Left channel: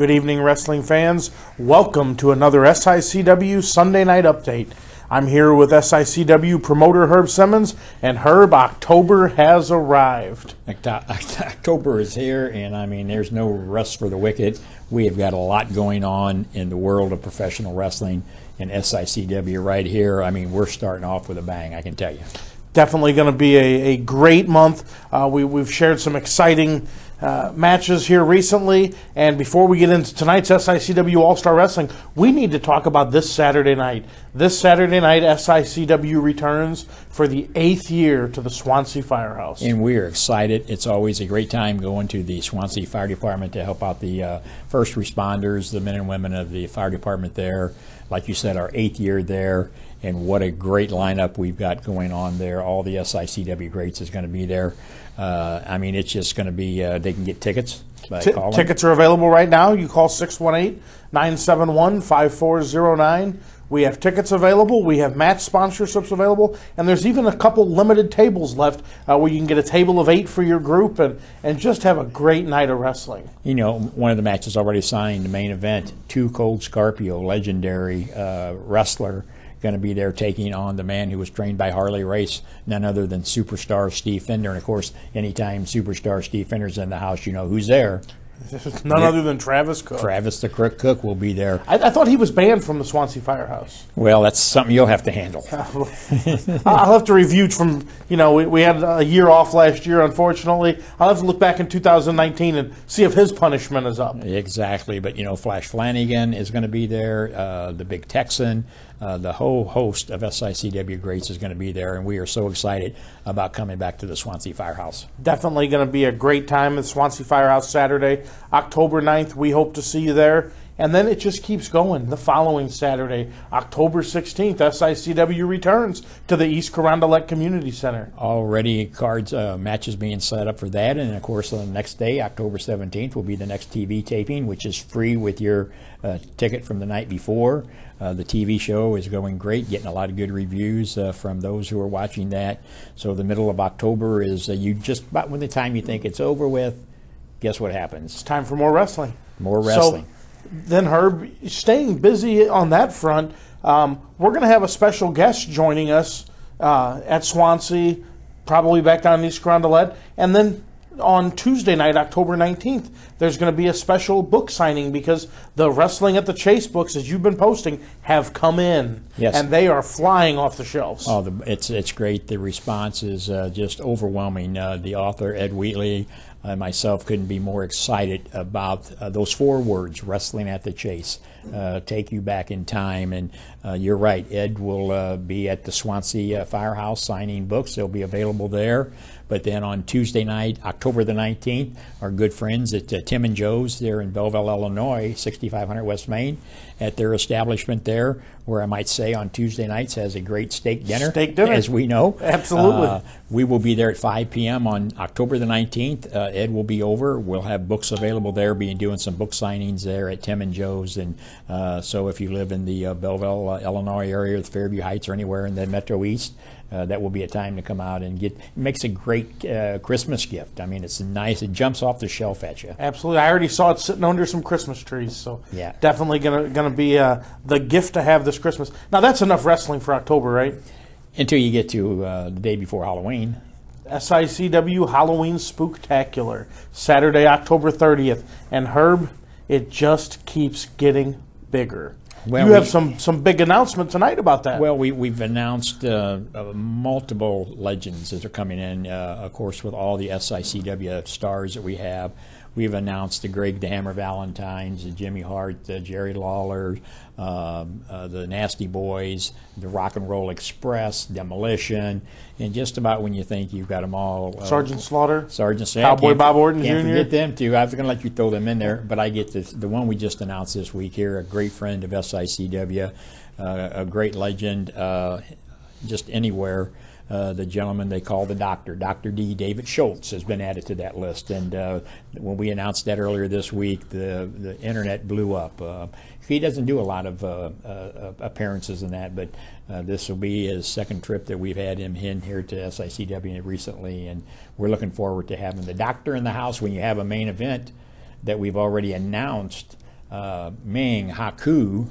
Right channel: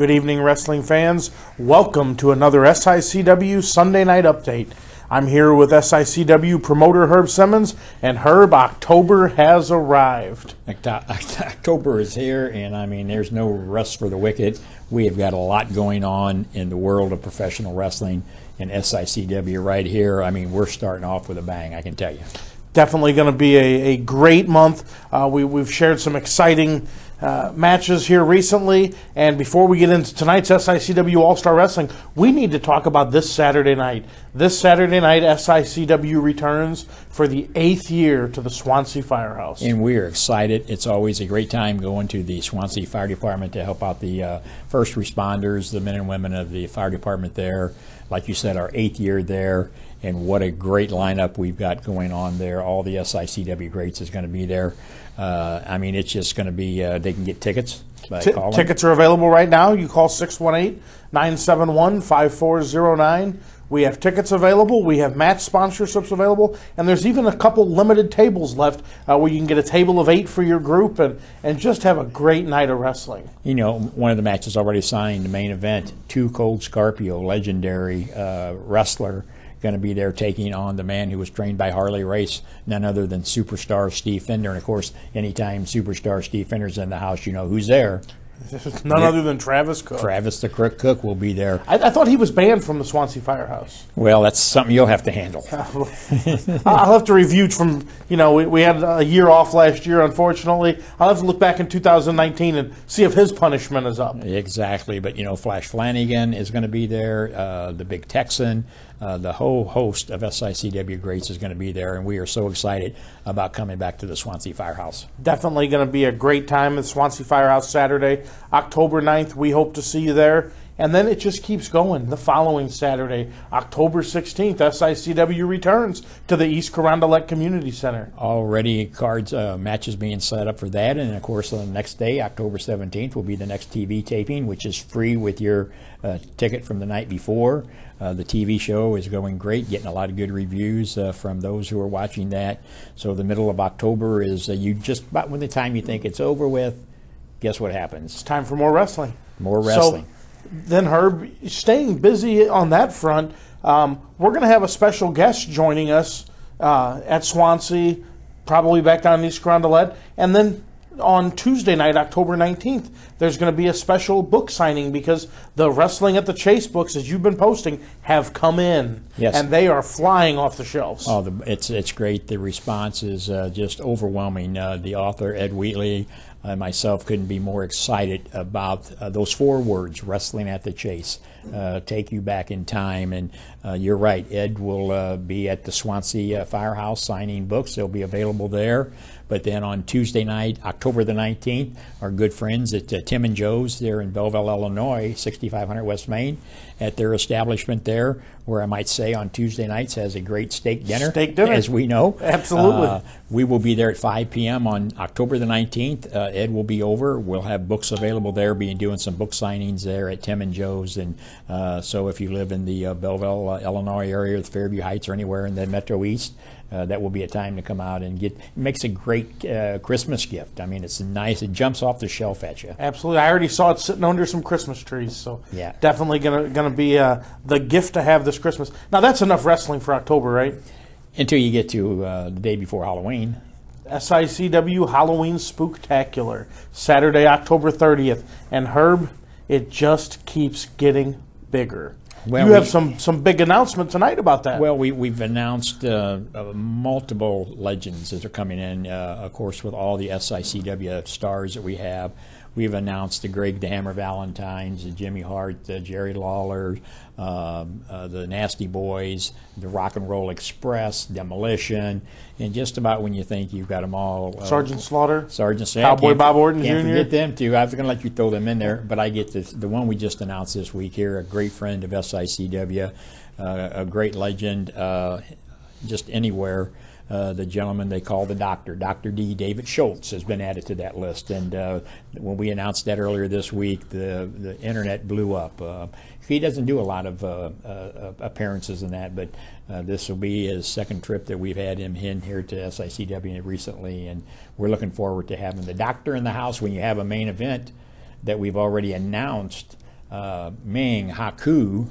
Good evening, wrestling fans. Welcome to another SICW Sunday Night Update. I'm here with SICW promoter Herb Simmons, and Herb, October has arrived. October is here, and I mean, there's no rest for the wicked. We have got a lot going on in the world of professional wrestling and SICW right here. I mean, we're starting off with a bang, I can tell you. Definitely going to be a great month. We've shared some exciting matches here recently, and before we get into tonight's SICW All-Star Wrestling, we need to talk about this Saturday night. This Saturday night, SICW returns for the 8th year to the Swansea Firehouse. And we are excited. It's always a great time going to the Swansea Fire Department to help out the first responders, the men and women of the fire department there. Like you said, our 8th year there, and what a great lineup we've got going on there. All the SICW greats is going to be there. I mean, it's just going to be, they can get tickets by calling. Tickets are available right now. You call 618-971-5409. We have tickets available. We have match sponsorships available. And there's even a couple limited tables left where you can get a table of 8 for your group and just have a great night of wrestling. You know, one of the matches already signed, the main event, Too Cold Scorpio, legendary wrestler, going to be there taking on the man who was trained by Harley Race, none other than superstar Steve Fender. And, of course, anytime superstar Steve Fender's in the house, you know who's there. None other than Travis Cook. Travis the Crook Cook will be there. I thought he was banned from the Swansea Firehouse. Well, that's something you'll have to handle. I'll have to review from, you know, we had a year off last year, unfortunately. I'll have to look back in 2019 and see if his punishment is up. Exactly. But, you know, Flash Flanagan is going to be there, the Big Texan. The whole host of SICW greats is going to be there, and we are so excited about coming back to the Swansea Firehouse. Definitely going to be a great time at Swansea Firehouse Saturday, October 9th. We hope to see you there. And then it just keeps going. The following Saturday, October 16th, SICW returns to the East Carondelet Community Center. Already cards, matches being set up for that. And, of course, the next day, October 17th, will be the next TV taping, which is free with your ticket from the night before. The TV show is going great, getting a lot of good reviews from those who are watching that. So the middle of October is you just about when the time you think it's over with, guess what happens? It's time for more wrestling. More wrestling. So, then, Herb, staying busy on that front, we're going to have a special guest joining us at Swansea, probably back down in East Carondelet. And then on Tuesday night, October 19th, there's going to be a special book signing because the Wrestling at the Chase books, as you've been posting, have come in. Yes. And they are flying off the shelves. Oh, it's great. The response is just overwhelming. The author, Ed Wheatley, myself couldn't be more excited about those 4 words, Wrestling at the Chase, take you back in time. And you're right, Ed will be at the Swansea Firehouse signing books. They'll be available there. But then on Tuesday night, October the 19th, our good friends at Tim and Joe's there in Belleville, Illinois, 6500 West Main, at their establishment there, where I might say on Tuesday nights has a great steak dinner. Steak dinner. As we know. Absolutely. We will be there at 5 p.m. on October the 19th. Ed will be over. We'll have books available there, doing some book signings there at Tim and Joe's. And so if you live in the Belleville, Illinois area, the Fairview Heights, or anywhere in the Metro East, that will be a time to come out and get. It makes a great Christmas gift. I mean, it's nice. It jumps off the shelf at you. Absolutely. I already saw it sitting under some Christmas trees. So yeah, definitely gonna be the gift to have this Christmas. Now that's enough wrestling for October, right? Until you get to the day before Halloween. SICW Halloween Spooktacular, Saturday, October 30th. And Herb, it just keeps getting bigger. Well, you have some big announcement tonight about that. Well, we've announced multiple legends that are coming in, of course, with all the SICW stars that we have. We've announced the Greg the Hammer Valentines, the Jimmy Hart, the Jerry Lawler, the Nasty Boys, the Rock and Roll Express, Demolition, and just about when you think you've got them all. Sergeant Slaughter. Sergeant Slaughter. Cowboy Bob Orton Jr. Can't forget them, too. I was going to let you throw them in there, but I get the one we just announced this week here, a great friend of SICW, a great legend just anywhere. The gentleman they call the Doctor, Dr. D. David Schultz, has been added to that list. And when we announced that earlier this week, the internet blew up. He doesn't do a lot of appearances in that, but this will be his second trip that we've had him in here to SICW recently, and we're looking forward to having the Doctor in the house when you have a main event that we've already announced Ming Haku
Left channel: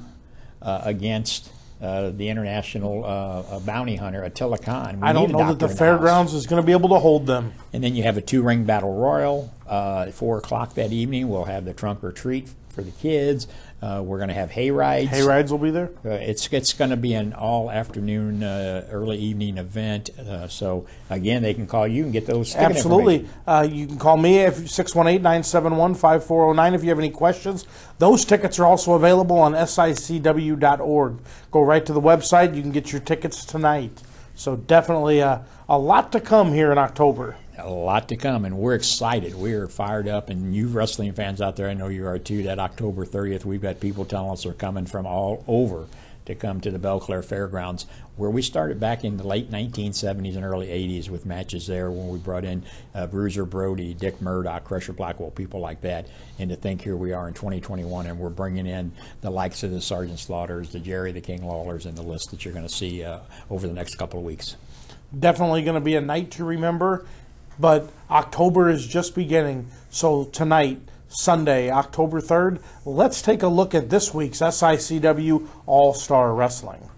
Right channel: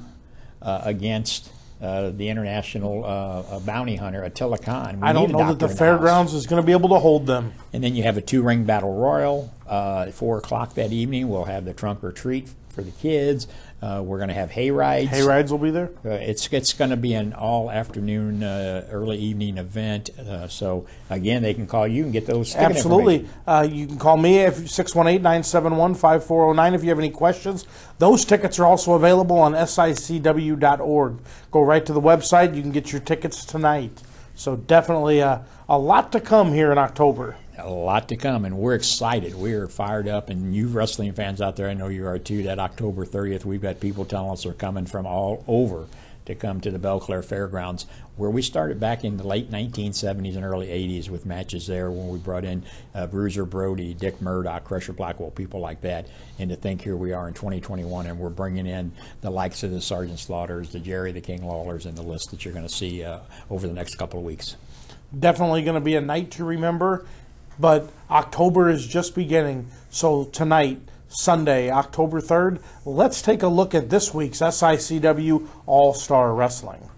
against the international bounty hunter Attila Khan. I don't know that the fairgrounds is going to be able to hold them. And then you have a 2-ring battle royal. At 4 o'clock that evening, we'll have the trunk or treat for the kids. We're going to have hay rides. Hay rides will be there? It's going to be an all-afternoon, early evening event. So, again, they can call you and get those ticket Absolutely. You can call me at 618-971-5409 if you have any questions. Those tickets are also available on SICW.org. Go right to the website. You can get your tickets tonight. So definitely a lot to come here in October. A lot to come, and we're excited. We're fired up, and you wrestling fans out there, I know you are too. That October 30th, we've got people telling us they're coming from all over to come to the Belclair Fairgrounds, where we started back in the late 1970s and early 80s with matches there when we brought in Bruiser Brody, Dick Murdoch, Crusher Blackwell, people like that. And to think here we are in 2021, and we're bringing in the likes of the Sergeant Slaughters, the Jerry the King Lawlers, and the list that you're going to see over the next couple of weeks. Definitely going to be a night to remember. But October is just beginning, so tonight, Sunday, October 3rd, let's take a look at this week's SICW All-Star Wrestling.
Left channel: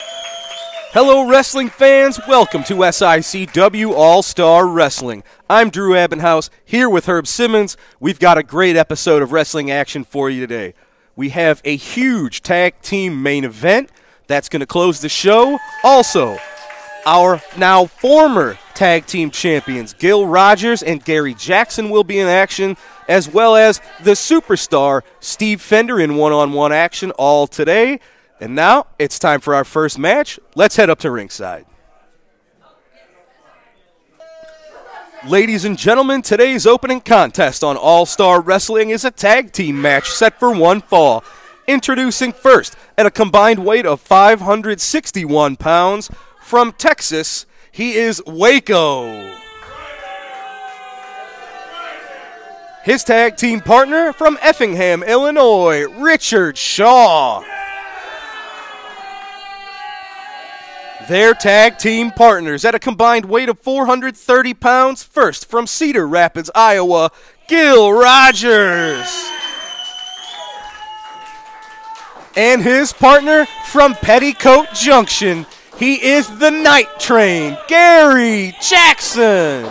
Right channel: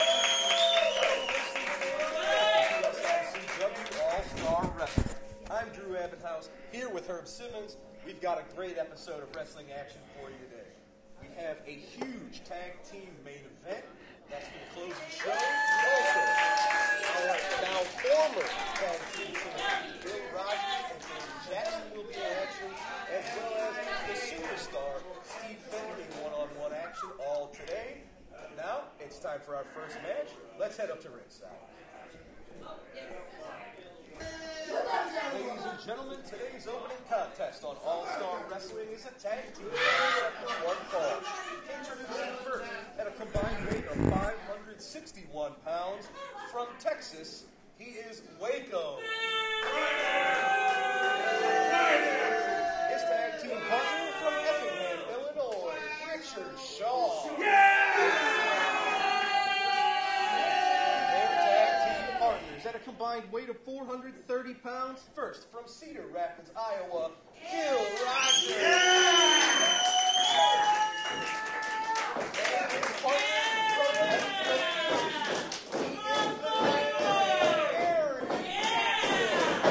Hello, wrestling fans. Welcome to SICW All-Star Wrestling. I'm Drew Abbenhouse, here with Herb Simmons. We've got a great episode of wrestling action for you today. We have a huge tag team main event that's going to close the show. Also, our now former tag team champions, Gil Rogers and Gary Jackson, will be in action, as well as the superstar, Steve Fender, in one-on-one action all today. And now it's time for our first match. Let's head up to ringside. Ladies and gentlemen, today's opening contest on All-Star Wrestling is a tag team match set for one fall. Introducing first, at a combined weight of 561 pounds, from Texas, he is Waco. His tag team partner from Effingham, Illinois, Richard Shaw. Their tag team partners at a combined weight of 430 pounds, first from Cedar Rapids, Iowa, Gil Rogers. And his partner from Petticoat Junction, he is the Night Train, Gary Jackson.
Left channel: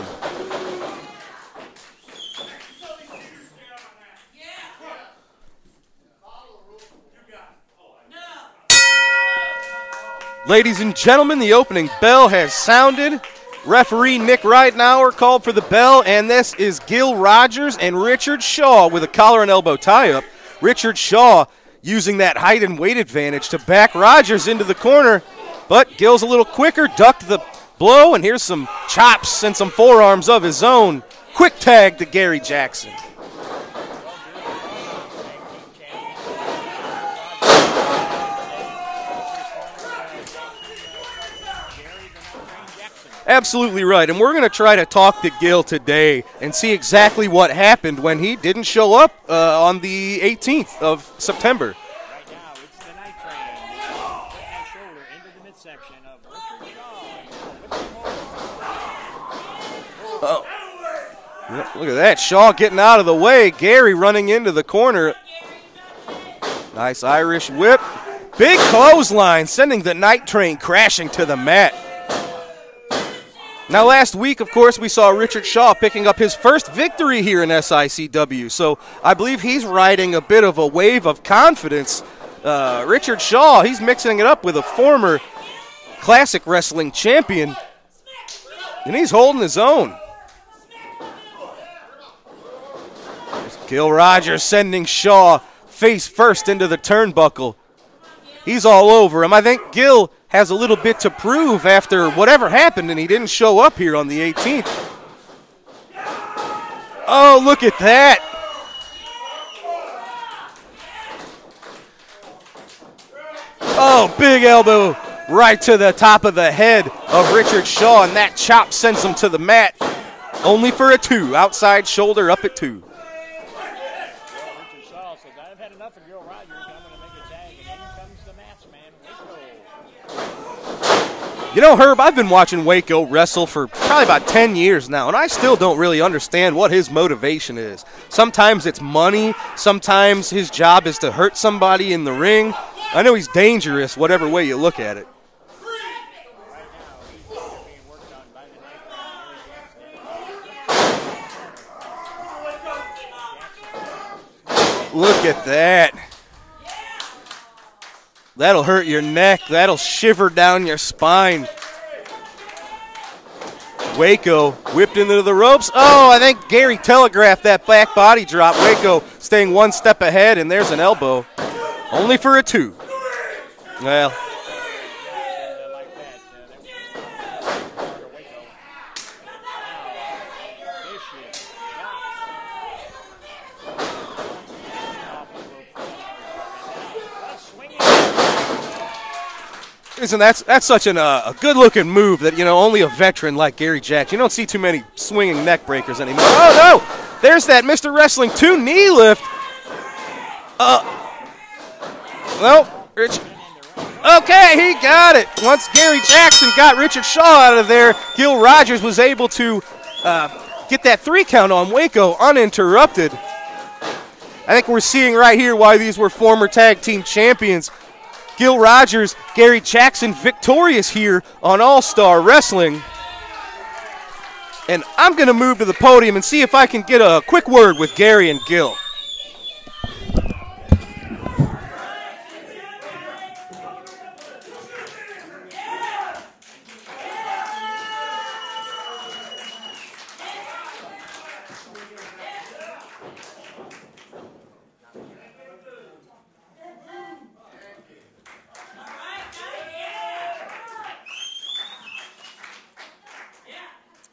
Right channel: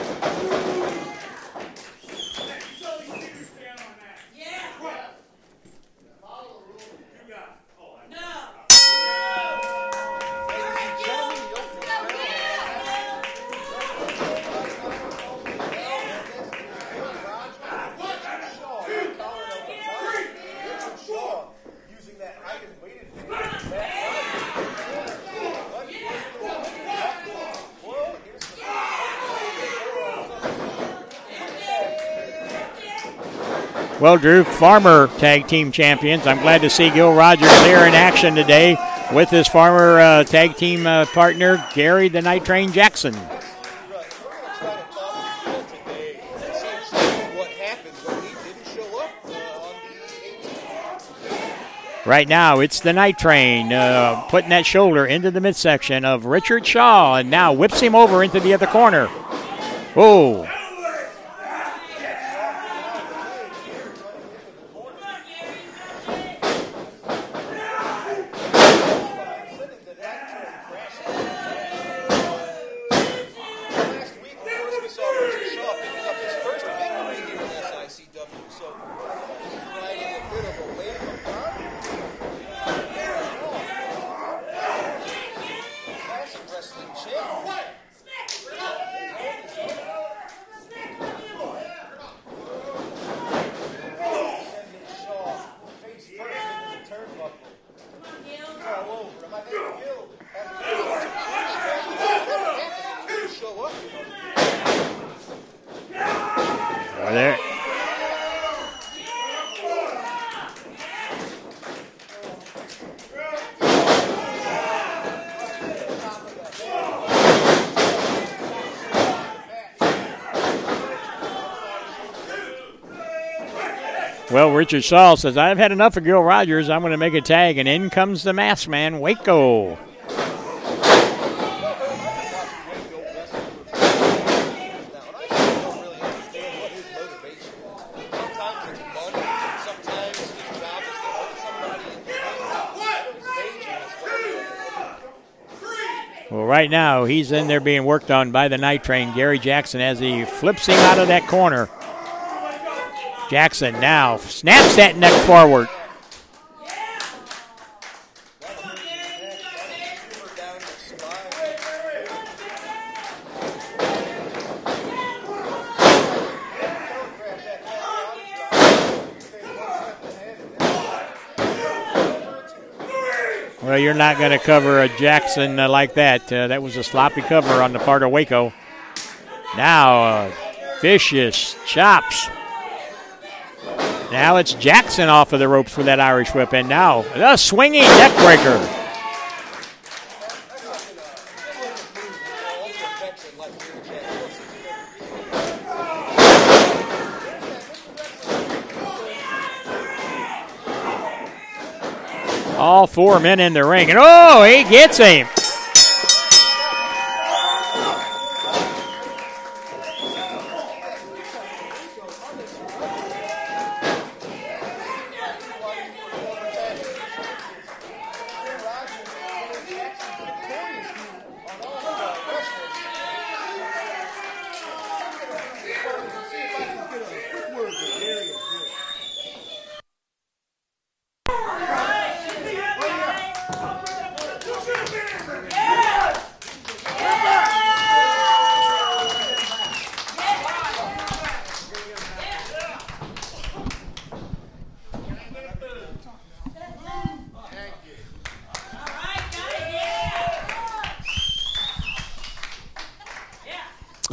Ladies and gentlemen, the opening bell has sounded. Referee Nick Reitenauer called for the bell, and this is Gil Rogers and Richard Shaw with a collar and elbow tie-up. Richard Shaw using that height and weight advantage to back Rogers into the corner. But Gil's a little quicker, ducked the blow, and here's some chops and some forearms of his own. Quick tag to Gary Jackson. Well, Drew, former tag team champions. I'm glad to see Gil Rogers there in action today with his former tag team partner, Gary the Night Train Jackson. Absolutely right, and we're going to try to talk to Gil today and see exactly what happened when he didn't show up on the 18th of September. Right now, it's the Night Train putting that shoulder into the midsection of Richard Shaw, and now whips him over into the other corner. Oh. Look at that, Shaw getting out of the way. Gary running into the corner. Nice Irish whip. Big clothesline, sending the Night Train crashing to the mat. Now, last week, of course, we saw Richard Shaw picking up his first victory here in SICW, so I believe he's riding a bit of a wave of confidence. Richard Shaw, he's mixing it up with a former classic wrestling champion, and he's holding his own. Gil Rogers sending Shaw face first into the turnbuckle. He's all over him. I think Gil has a little bit to prove after whatever happened, and he didn't show up here on the 18th. Oh, look at that. Oh, big elbow right to the top of the head of Richard Shaw, and that chop sends him to the mat. Only for a 2, outside shoulder up at 2. Well, Richard Shaw says, I've had enough of Gil Rogers. I'm going to make a tag, and in comes the masked man, Waco. You know, Herb, I've been watching Waco wrestle for probably about 10 years now, and I still don't really understand what his motivation is. Sometimes it's money. Sometimes his job is to hurt somebody in the ring. I know he's dangerous, whatever way you look at it. Well, right now, he's in there being worked on by the Night Train, Gary Jackson, as he flips him out of that corner. Jackson now snaps that neck forward. That. That'll hurt your neck. That'll shiver down your spine. Waco whipped into the ropes. Oh, I think Gary telegraphed that back body drop. Waco staying one step ahead, and there's an elbow. Only for a 2. Well, you're not going to cover a Jackson like that. That was a sloppy cover on the part of Waco. Now, vicious chops. Now it's Jackson off of the ropes for that Irish whip, and now a swinging neck breaker. Listen, that's such a good-looking move that, you know, only a veteran like Gary Jackson. You don't see too many swinging neck breakers anymore. Oh, no! There's that Mr. Wrestling 2 knee lift. Well, all 4 men in the ring, and okay, he gets got it. Once Gary Jackson got Richard Shaw out of there, Gil Rogers was able to get that 3 count on Waco uninterrupted. I think we're seeing right here why these were former tag team champions. Gil Rogers, Gary Jackson victorious here on All-Star Wrestling. And I'm going to move to the podium and see if I can get a quick word with Gary and Gil.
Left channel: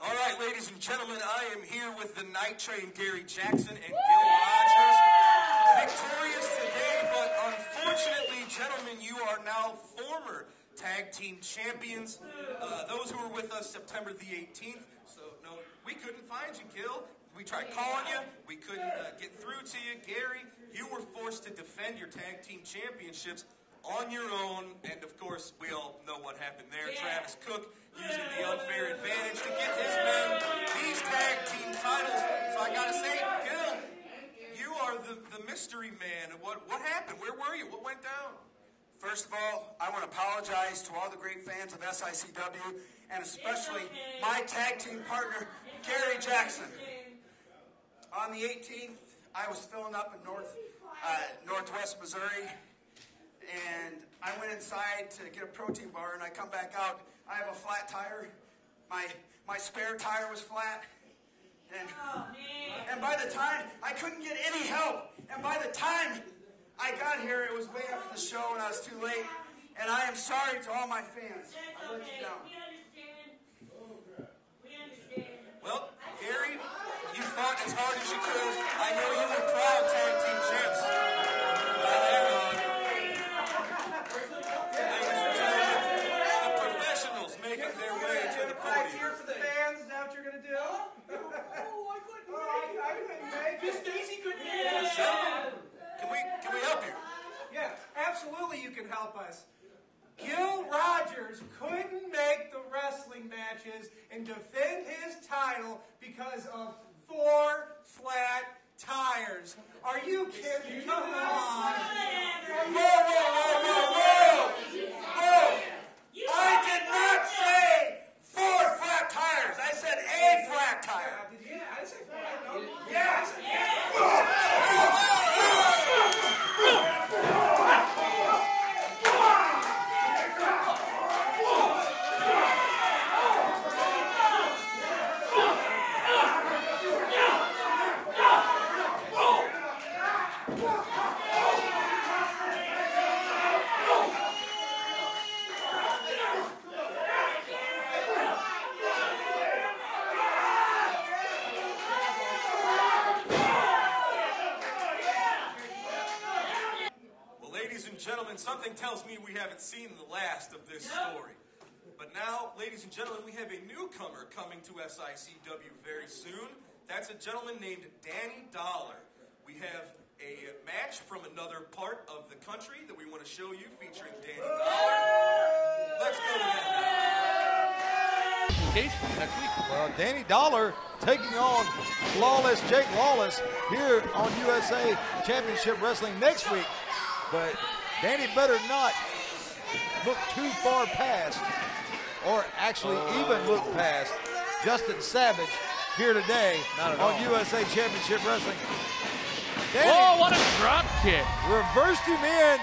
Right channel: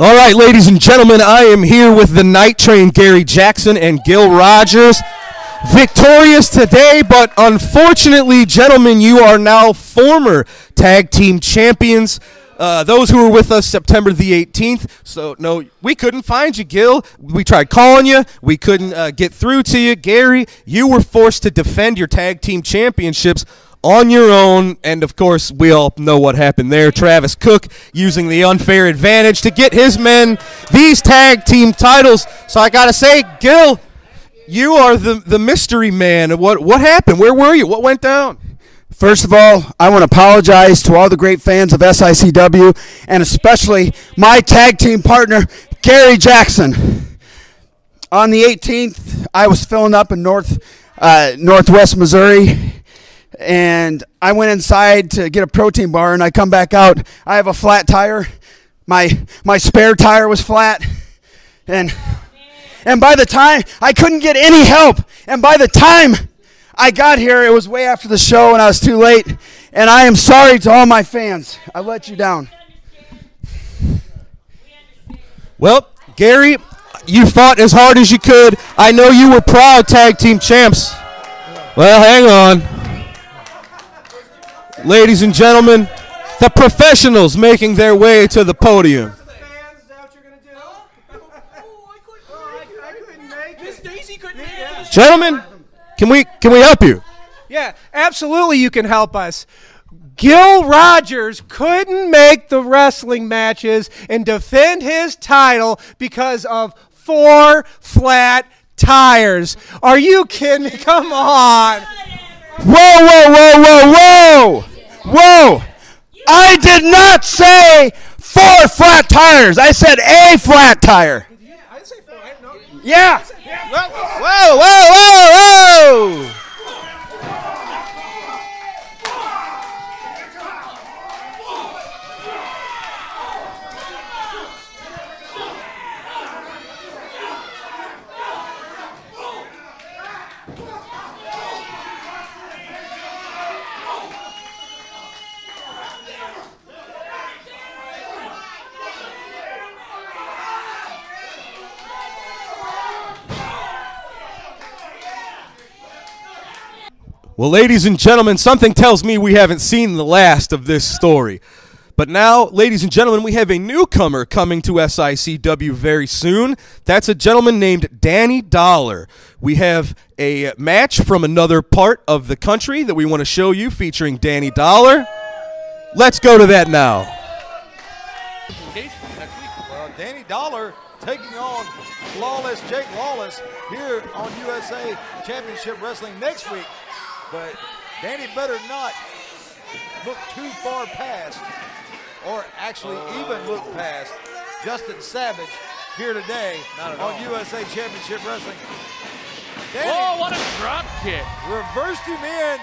All right, ladies and gentlemen, I am here with the Night Train, Gary Jackson and Gil Rogers. Victorious today, but unfortunately, gentlemen, you are now former tag team champions. Those who were with us September the 18th. So, no, we couldn't find you, Gil. We tried calling you. We couldn't get through to you. Gary, you were forced to defend your tag team championships on your own, and of course, we all know what happened there. Travis Cook using the unfair advantage to get his men these tag team titles. So I gotta say, Gil, you are the mystery man. What happened? Where were you? What went down? First of all, I want to apologize to all the great fans of SICW, and especially my tag team partner, Gary Jackson. On the 18th, I was filling up in Northwest Missouri, and I went inside to get a protein bar, and I come back out. I have a flat tire. My spare tire was flat, and by the time I couldn't get any help, and by the time I got here, it was way after the show, and I was too late. And I am sorry to all my fans. I let you down. Well, Gary, you fought as hard as you could. I know you were proud tag team champs. Well, hang on. Ladies and gentlemen, the professionals making their way to the podium. Gentlemen, can we help you? Yeah, absolutely you can help us. Gil Rogers couldn't make the wrestling matches and defend his title because of 4 flat tires. Are you kidding me? Come on. Whoa, whoa, whoa, whoa, whoa. Whoa. I did not say 4 flat tires. I said a flat tire. Yeah. Whoa, whoa, whoa, whoa! Well, ladies and gentlemen, something tells me we haven't seen the last of this story. But now, ladies and gentlemen, we have a newcomer coming to SICW very soon. That's a gentleman named Danny Dollar. We have a match from another part of the country that we want to show you featuring Danny Dollar. Let's go to that now. Implications next week. Well, Danny Dollar taking on Flawless Jake Lawless here on USA Championship Wrestling next week. But Danny better not look too far past, or actually even look past, Justin Savage here today on USA Championship Wrestling. Danny, oh, what a drop kick. Reversed him in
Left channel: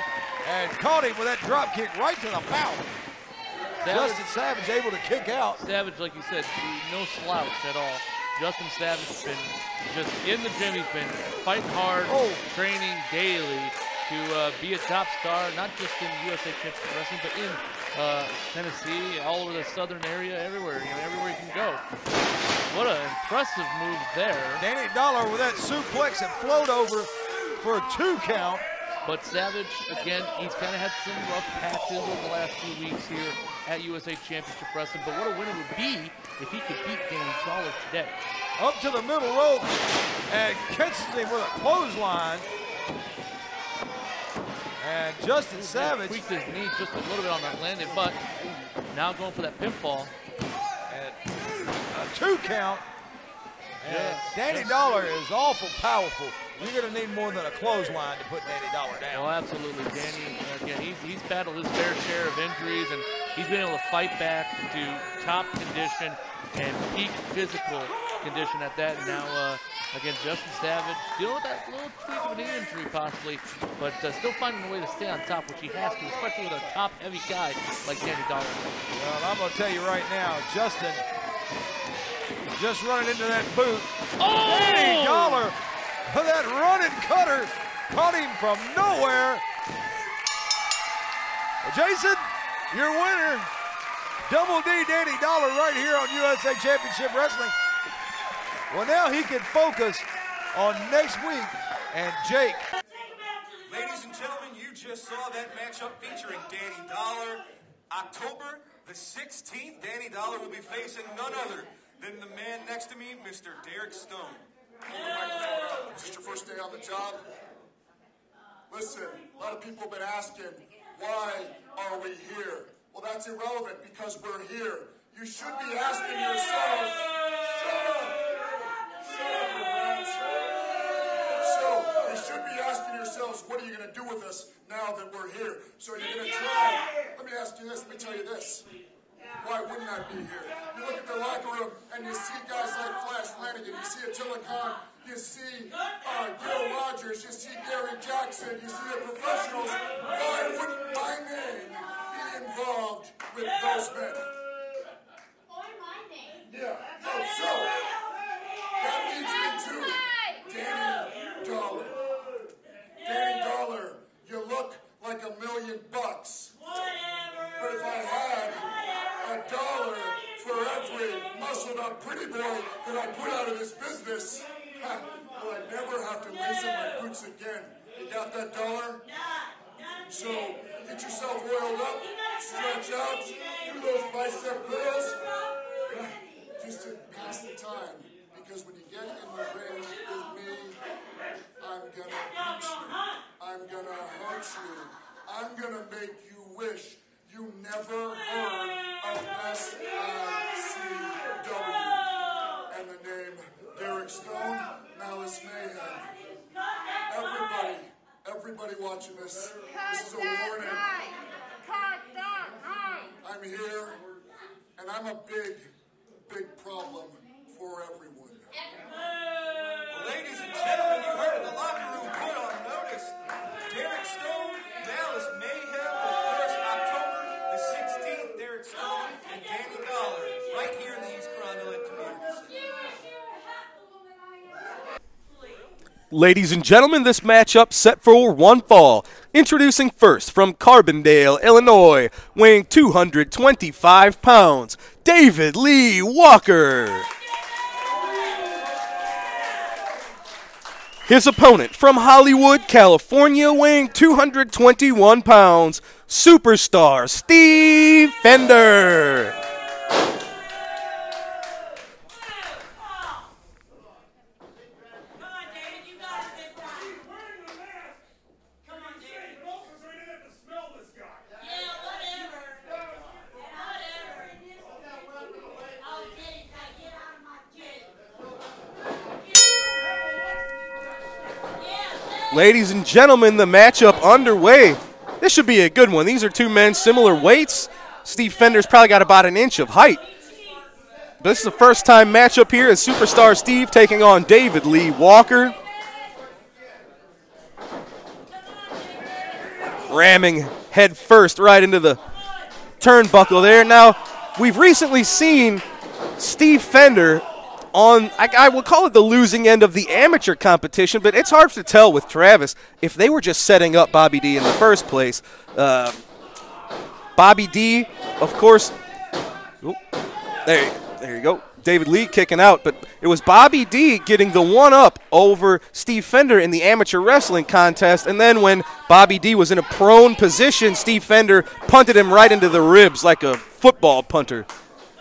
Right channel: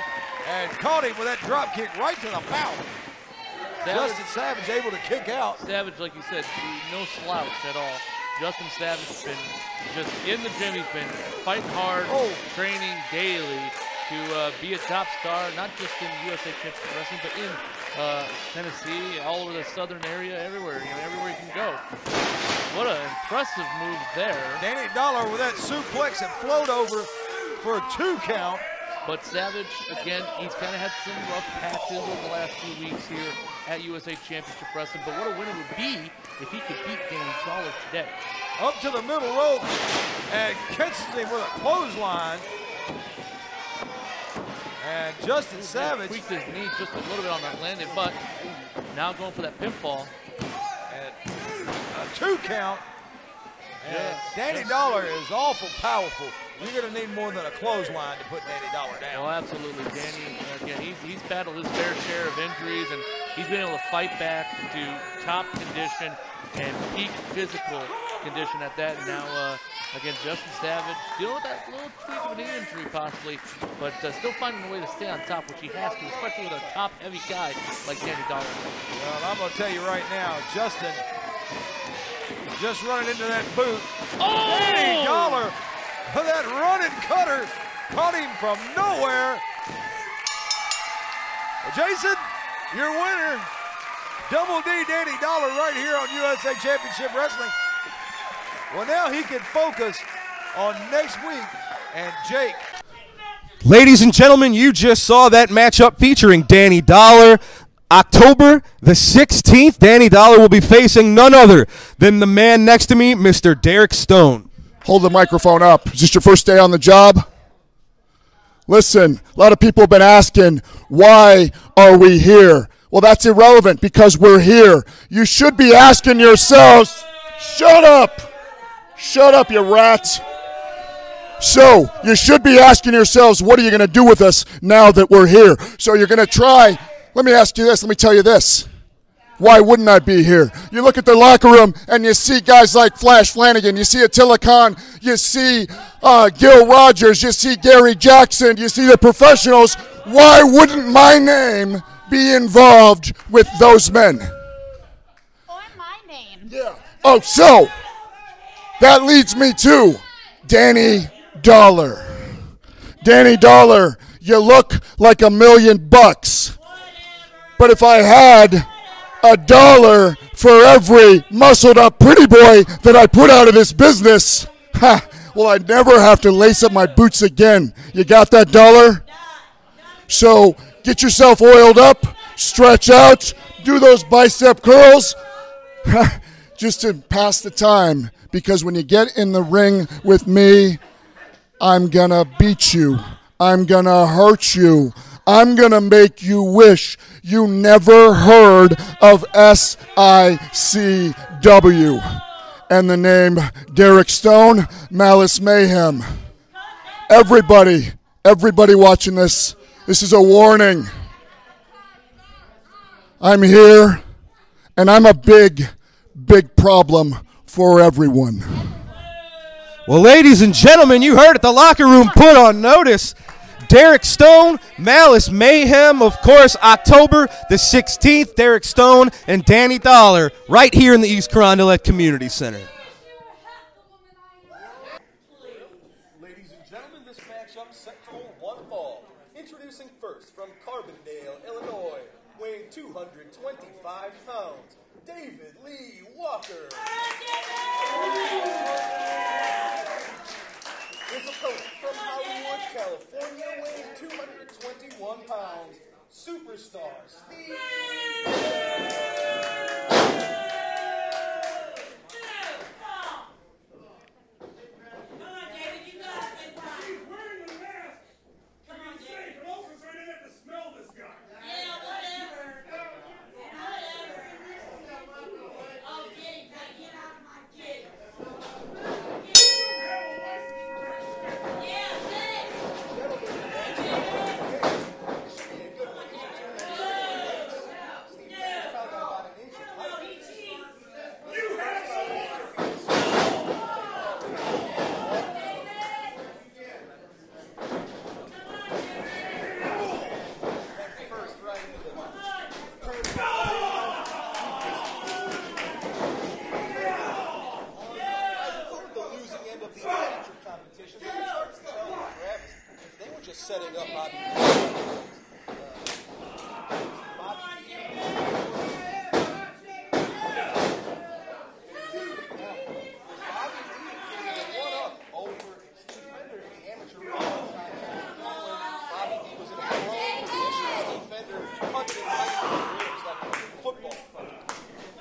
and caught him with that drop kick right to the mouth. Justin Savage able to kick out. Savage, like you said, no slouch at all. Justin Savage has been just in the gym. He's been fighting hard, training daily to be a top star, not just in USA Championship Wrestling, but in Tennessee, all over the southern area, everywhere, everywhere he can go. What an impressive move there. Danny Dollar with that suplex and float over for a 2 count. But Savage, again, he's kind of had some rough patches over the last few weeks here at USA Championship Wrestling. But what a win it would be if he could beat Danny Dollar today. Up to the middle rope and catches him with a clothesline. And Justin Savage tweaked his knee just a little bit on that landing, but now going for that pinfall. And a 2 count. And Danny Dollar is awful powerful. You're going to need more than a clothesline to put Danny Dollar down. Oh, absolutely. Danny, again, he's battled his fair share of injuries, and he's been able to fight back to top condition and peak physical condition at that. And now, again, Justin Savage dealing with that little tweak of a knee injury possibly, but still finding a way to stay on top, which he has to, especially with a top-heavy guy like Danny Dollar. Well, I'm going to tell you right now, Justin just running into that boot. Oh! Danny Dollar, that running cutter, caught him from nowhere. Jason, your winner, Double D Danny Dollar right here on USA Championship Wrestling. Well, now he can focus on next week and Jake. Ladies and gentlemen, you just saw that matchup featuring Danny Dollar. October the 16th, Danny Dollar will be facing none other than the man next to me, Mr. Derek Stone. Hold the microphone up. Is this your first day on the job? Listen, a lot of people have been asking, why are we here? Well, that's irrelevant because we're here. You should be asking yourselves, shut up. Shut up, you rats. So, you should be asking yourselves, what are you going to do with us now that we're here? So you're going to try. Let me ask you this. Let me tell you this. Why wouldn't I be here? You look at the locker room and you see guys like Flash Flanagan. You see Attila Khan. You see Gil Rogers. You see Gary Jackson. You see the professionals. Why wouldn't my name be involved with those men? Or my name. Yeah. Oh, so that leads me to Danny Dollar. Danny Dollar, you look like $1 million. But if I had $1 for every muscled up pretty boy that I put out of this business, well, I'd never have to lace up my boots again. You got that dollar? So get yourself oiled up, stretch out, do those bicep curls, just to pass the time. Because when you get in the ring with me, I'm gonna beat you. I'm gonna hurt you. I'm gonna make you wish you never heard of SICW. And the name Derek Stone, Malice Mayhem. Everybody watching this, this is a warning. I'm here, and I'm a big, big problem for everyone. Well, ladies and gentlemen, you heard it. The locker room put on notice. Derek Stone, Malice Mayhem, of course, October the 16th, Derek Stone and Danny Dollar right here in the East Carondelet Community Center. Ladies and gentlemen, this matchup set for one fall. Introducing first from Carbondale, Illinois, weighing 225 pounds, David Lee Walker. His opponent from Hollywood, California, weighing 221 pounds, superstar Steve Fender. Ladies and gentlemen, the matchup underway. This should be a good one. These are two men similar weights. Steve Fender's probably got about an inch of height. This is the first time matchup here as Superstar Steve taking on David Lee Walker. Ramming head first right into the turnbuckle there. Now, we've recently seen Steve Fender on, I will call it the losing end of the amateur competition, but it's hard to tell with Travis if they were just setting up Bobby D in the first place. Bobby D, of course, there you go. David Lee kicking out, but it was Bobby D getting the one-up over Steve Fender in the amateur wrestling contest, and then when Bobby D was in a prone position, Steve Fender punted him right into the ribs like a football punter.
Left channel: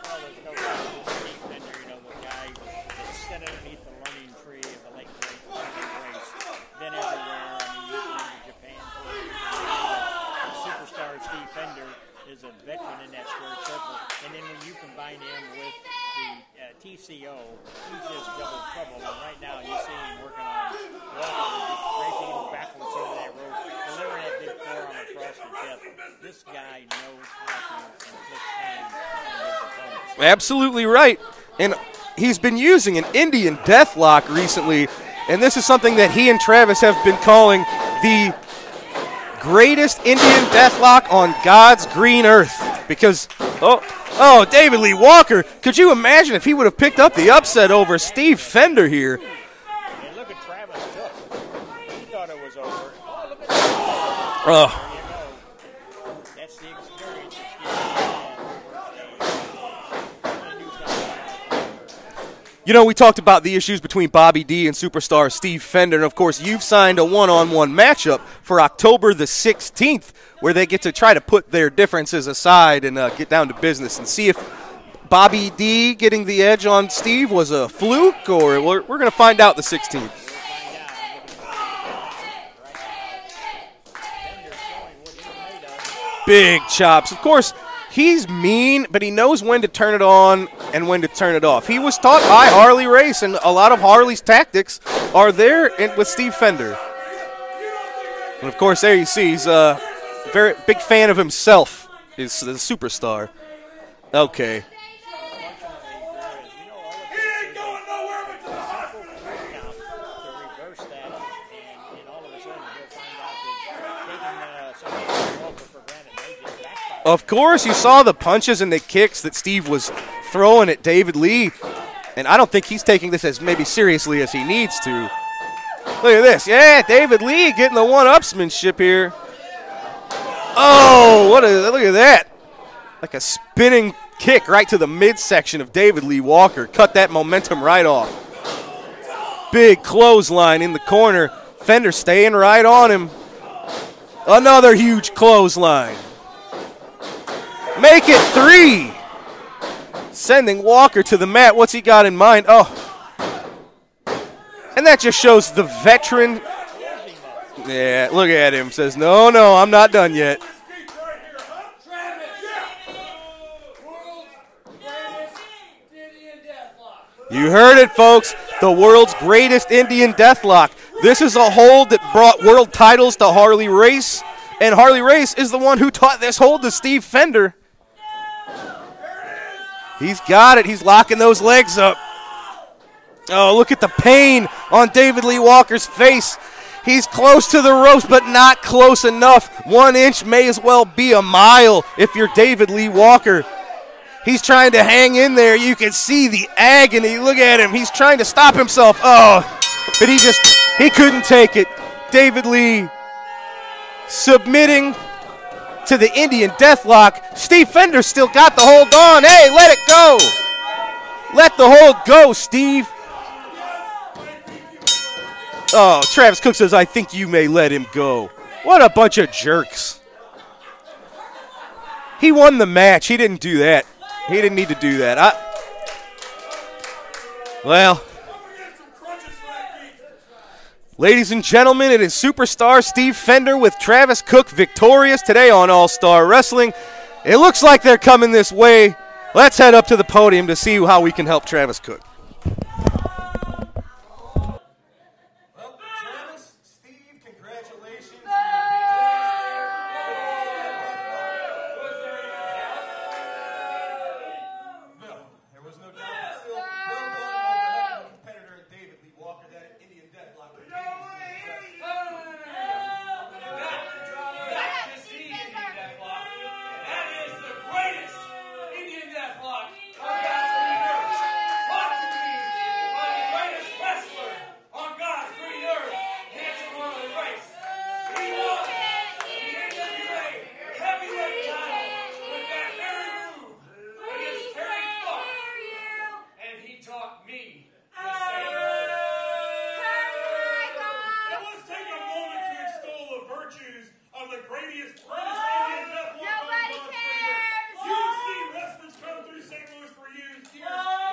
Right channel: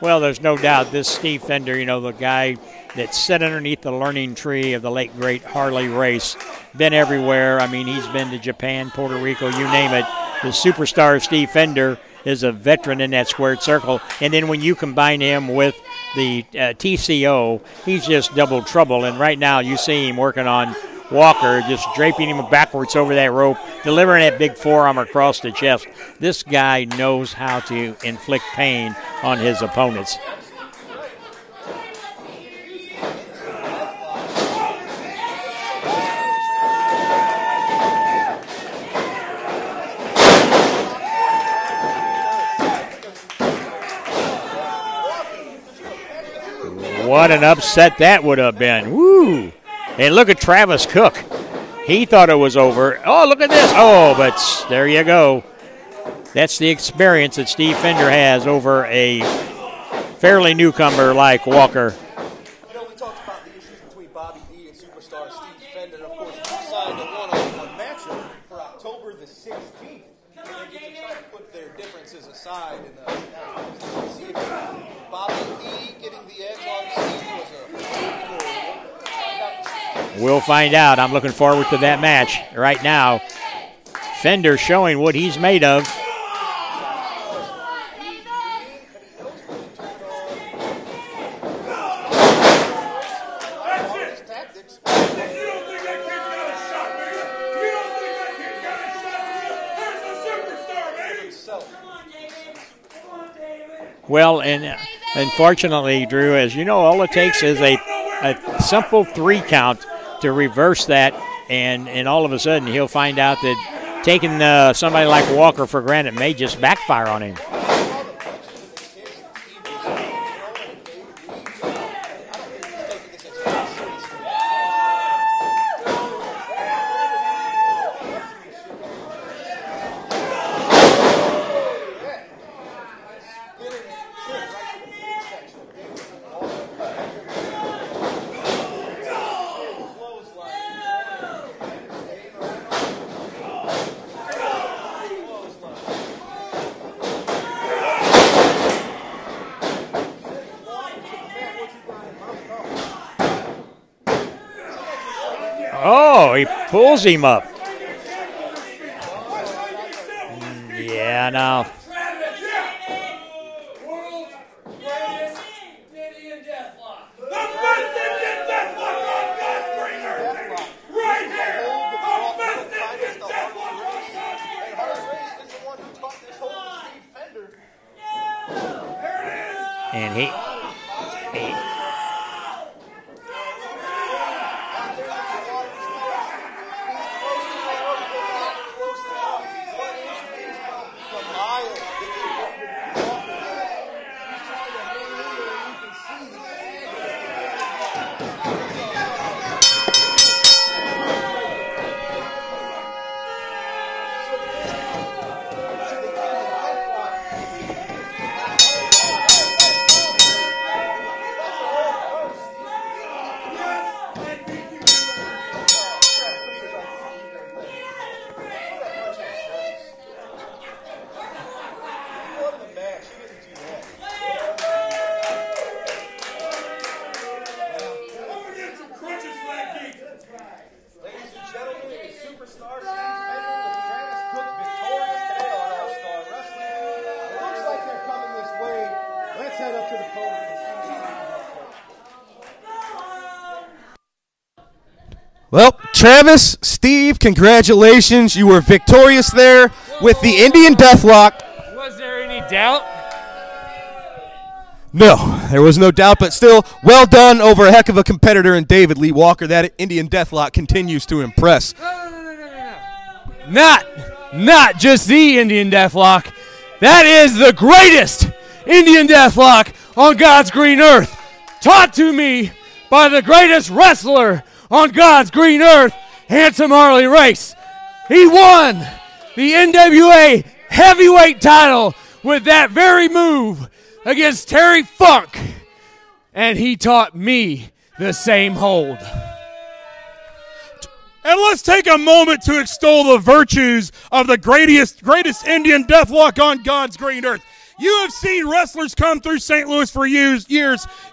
Well, there's no doubt this Steve Fender, you know, the guy that sat underneath the learning tree of the late, great Harley Race, been everywhere. I mean, he's been to Japan, Puerto Rico, you name it. The superstar Steve Fender is a veteran in that squared circle. And then when you combine him with the TCO, he's just double trouble. And right now you see him working on Walker, just draping him backwards over that rope, delivering that big forearm across the chest. This guy knows how to inflict pain on his opponents. Absolutely right. And he's been using an Indian deathlock recently, and this is something that he and Travis have been calling the greatest Indian deathlock on God's green earth. Because, David Lee Walker, could you imagine if he would have picked up what the an upset over that Steve Fender been. here? Woo. And look at Travis Cook. He thought it was over. Oh, look at this. Oh, but there you go. That's the experience that Steve Fender has over a fairly newcomer like Walker. You know, we talked about the issues between Bobby D and superstar Steve Fender, and of course you've signed a one-on-one matchup for October the 16th, where they get to try to put their differences aside and get down to business and see if Bobby D getting the edge on Steve was a fluke, or we're going to find out the 16th. We'll find out. I'm looking forward to that match. Right now, Fender showing what he's made of. Big chops. Of course, he's mean, but he knows when to turn it on and when to turn it off. He was taught by Harley Race, and a lot of Harley's tactics are there with Steve Fender. And of course, there you see he's a very big fan of himself, is the superstar. Well, okay. And unfortunately, Drew, as you know, all it takes is a simple 3 count to reverse that, and all of a sudden he'll find out that taking somebody like Walker for granted may just backfire on him. Of course, you saw the punches and the kicks that Steve was throwing at David Lee, and I don't think he's taking this as maybe seriously as he needs to. Look at this. Yeah, David Lee getting the one-upsmanship here. Oh, look at that. Like a spinning kick right to the midsection of David Lee Walker. Cut that momentum right off. Big clothesline in the corner. Fender staying right on him. Another huge clothesline. Make it 3. Sending Walker to the mat. What's he got in mind? Oh. And that just shows the veteran. Oh, he pulls him up. Yeah, look at him. Says, no, I'm not done yet. Yeah, no. You heard it, folks. The world's greatest Indian deathlock. This is a hold that brought world titles to Harley Race, and Harley Race is the one who taught this hold to Steve Fender. He's got it. He's locking those legs up. Oh, look at the pain on David Lee Walker's face. He's close to the ropes, but not close enough. 1 inch may as well be a mile if you're David Lee Walker. He's trying to hang in there. You can see the agony. Look at him. He's trying to stop himself. Oh, but he couldn't take it. David Lee submitting to the Indian deathlock. Steve Fender still got the hold on. Hey, let it go. Let the hold go, Steve. Oh, Travis Cook says, I think you may let him go. What a bunch of jerks. He won the match. He didn't do that. He didn't need to do that. Well, ladies and gentlemen, it is superstar Steve Fender with Travis Cook victorious today on All-Star Wrestling. It looks like they're coming this way. Let's head up to the podium to see how we can help Travis Cook. Well, Travis, Steve, congratulations. You were victorious there with the Indian Deathlock. Was there any doubt? No, there was no doubt, but still, well done over a heck of a competitor in David Lee Walker. That Indian Deathlock continues to impress. Not just the Indian Deathlock. That is the greatest Indian Deathlock on God's green earth. Taught to me by the greatest wrestler on God's green earth, Handsome Harley Race. He won the NWA heavyweight title with that very move against Terry Funk. And he taught me the same hold. And let's take a moment to extol the virtues of the greatest Indian Deathlock on God's green earth. You have seen wrestlers come through St. Louis for years